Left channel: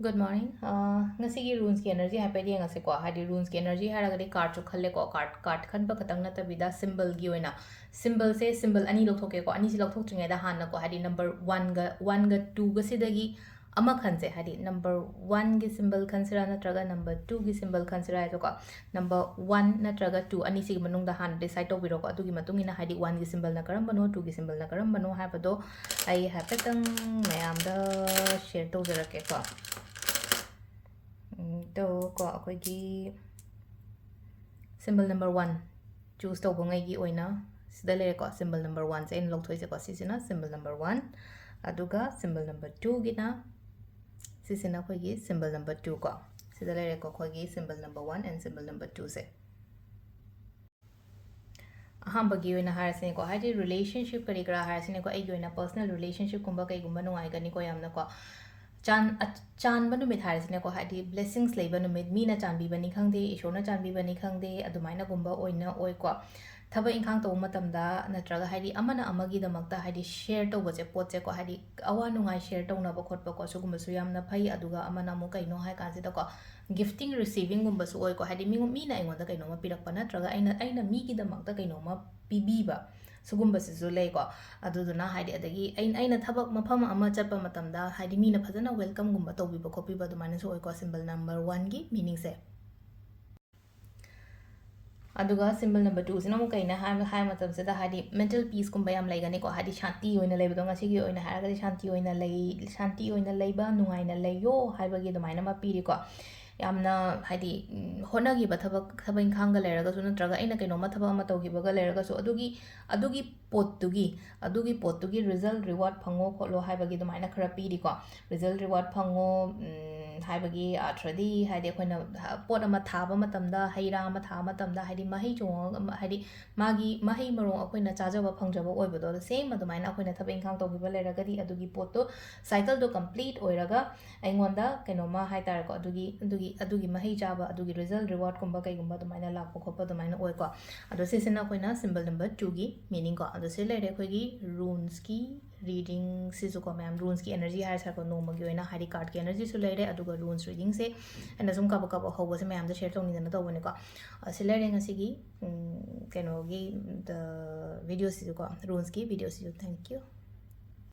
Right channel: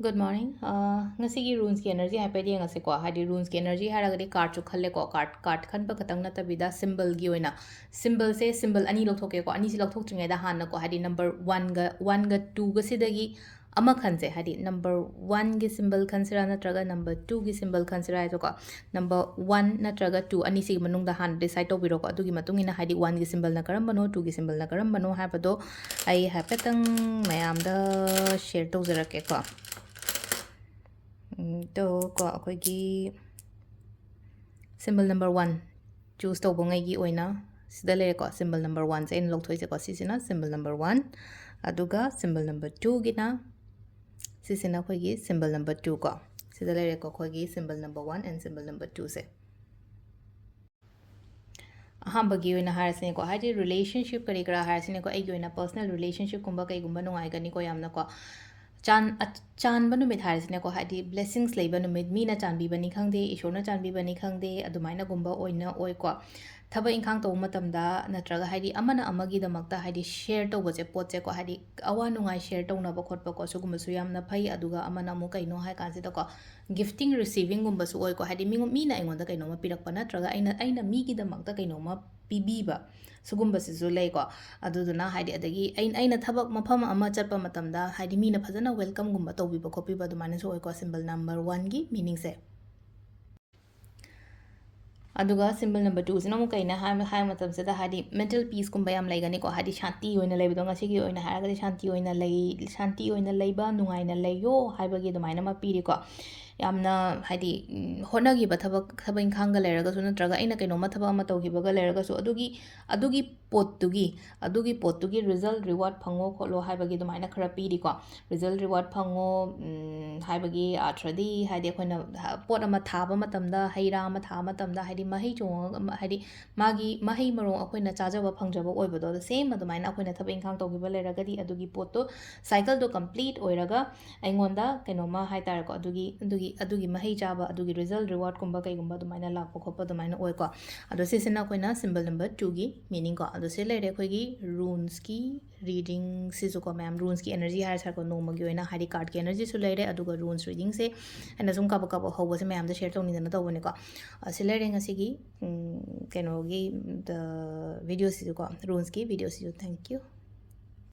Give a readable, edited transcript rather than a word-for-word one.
Good morning. Ngasigi runes ki energy hai pedi ngase ko hadi runes ki energy har agadi card chu khalle ko card khan ba khatang na tabida symbol gi oina symbol ani lok thoke ko ani si lok thok tringa da han ko hadi number 1 ga 2 ga sidagi ama khanse hadi number 1 gi symbol khansira natraga number 2 gi symbol khansira ai ko number 1 natraga 2 ani si manung da han decide to biro ko adugi matung ina hadi 1 gi symbol na karam bano 2 gi symbol na karam bano ha bado ai ha petang mayam da share to zara ke ko तो को अखोगी symbol number 1 choose to bongai gi oina sida le ko symbol number 1 se in lok thoi se ko sisina symbol number 1 aduga symbol number 2 gina sisina khogi symbol number 2 ko sida le ko khogi symbol number 1 and symbol number 2 se ahamba gi oina har se ko haji relationship kari kara har se ko ai gi oina personal relationship kumba kai gumba no ai gani ko yamna ko chan banu mit harisne ko hadi blessings leibanu mit mina chan bi bani khangde ishona chan bi bani khangde adumaina gumba oina oi ko thaba inkhang to matamda natraga hadi amana amagi damakta hadi share to boje poche ko hadi awa nungai share to na ba khotpa ko sugumba su yamna phai aduga amana mu kaino hai kan se ko gifting receiving gumba su oi ko hadi mina aingonda kaino ma pirak pa natraga aina mi gi damakta kaino ma pibiba sugumbaसिसु लेको अदुदुना हाइदि अदगी अइना थबक मफम अमा चप्पा मतमदा हाइदि Meena फजना welcome गुम्बा तौबिबा खोपिबा दुमाना सो ओइको symbol number 1 की meaning से अदुगा symbol number 2 सिना मु कइना हाय मतम से दा हाइदि mental peace गुम्बा याम लाइगनी को हाइदि शांति ओइना लेबदो ngasi ओइना हागदि शांति ओइना लेबा नुंगाइना लेयो हाइबगी दुमाइना मा पीरि को यामना हाइदि होनागिबा थबक इंखांगा लेरगसु नत्रगा अइना कइनोमा थबक अमा तौगिबगा लेरगसु अदुगी पोतुगी रिजल्ट रिवार्ड फंगो खोलो हाइबगी दुमाइना खरा पीरिको रिजल्ट रिवार्ड फंगो हाइबगी आथ्रदी हाइदि अखोइना पोत अमा थाबा मतमदा हैरा अमा थाबा मतमदा हाइदि मही चोंग हाइदि मागी मही मरो अखोइना चाजबा फंगजबा ओइबदो सेम अदुमाइना अखोइना थबक इंखांग तौगिबा लेरगदी अदुगी पोतो साइकिल दो कंप्लीट ओइरगा अइंगोंदा कइनोमा हाइतारको अदुगी मही चाबा अदुगी रिजल्ट रिवार्ड कुंबा कइगुंबा दुमाइना लापो खोपा दुमाइना ओइको अदो सिसिना अखोइना सिंबल नंबर 2 की मीनिंग को अदो से लेरे अखोइगी रून्स की रीडिंग सिसु को मैम रून्स की एनर्जी हायर सरको नोमगी ओइना हाइदि कार्ड की एनर्जी सु लेरे अदुगा रून्स रीडिंग से एना सुम कब होबो से मैम द शेयर तौनिदना तौबनेको से लेरे ngasi gi कइनोगी द वीडियो सिसु को रून्स की वीडियो सिसु थैंक यू